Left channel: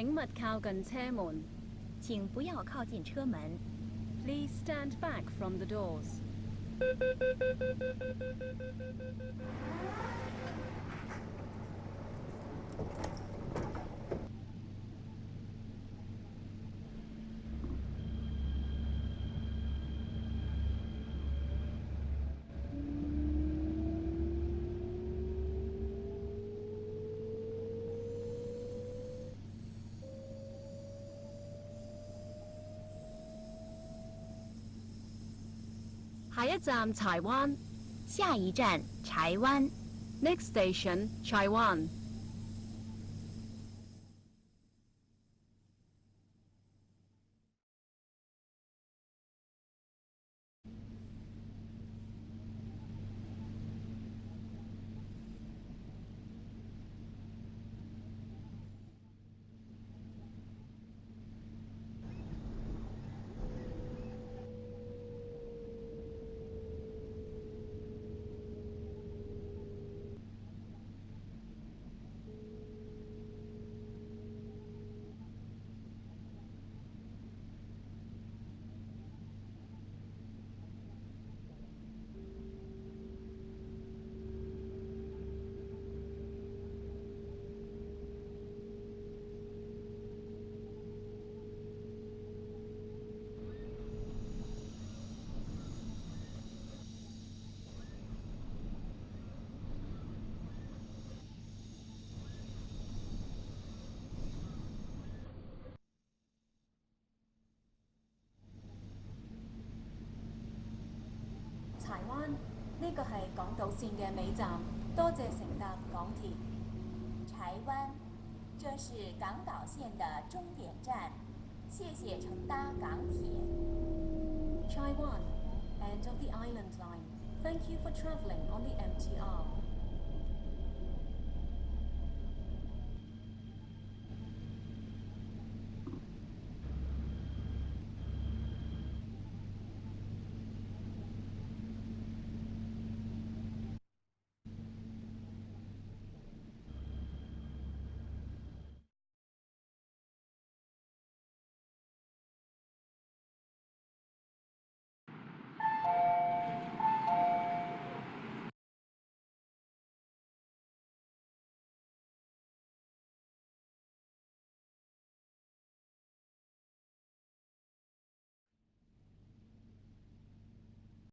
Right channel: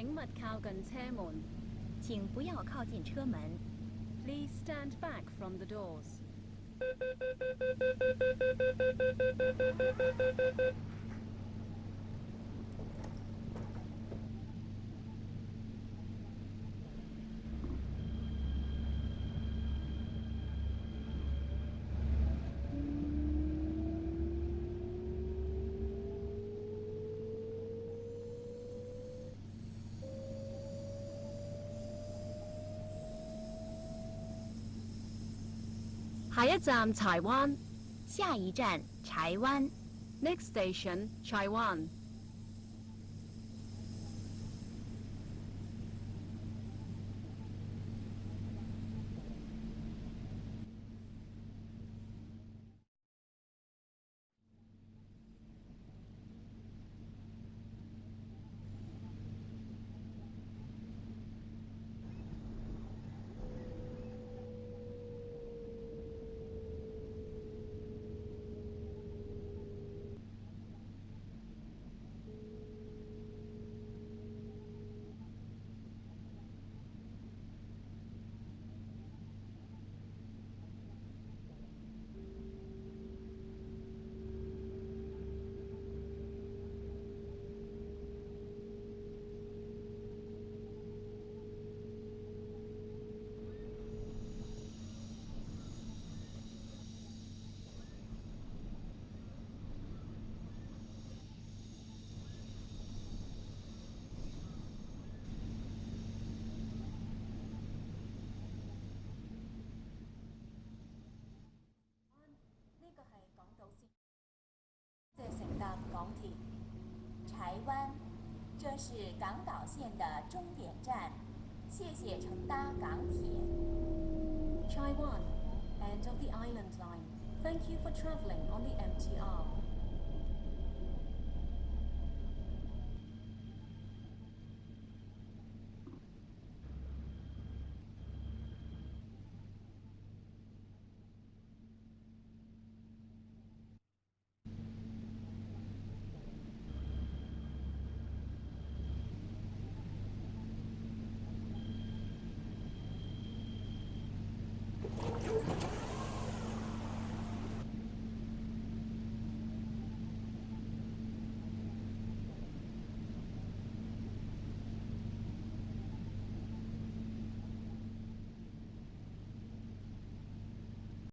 請勿靠近車門。請不要靠近車門。Please stand back from the doors. 下一站柴灣。下一站柴灣。Next station, Chai Wan.柴灣呢個係港島線嘅尾站，多謝乘搭港鐵。柴灣，這是港島線的終點站，謝謝乘搭港鐵。Chai Wan, end of the Island Line. Thank you for travelling on the MTR.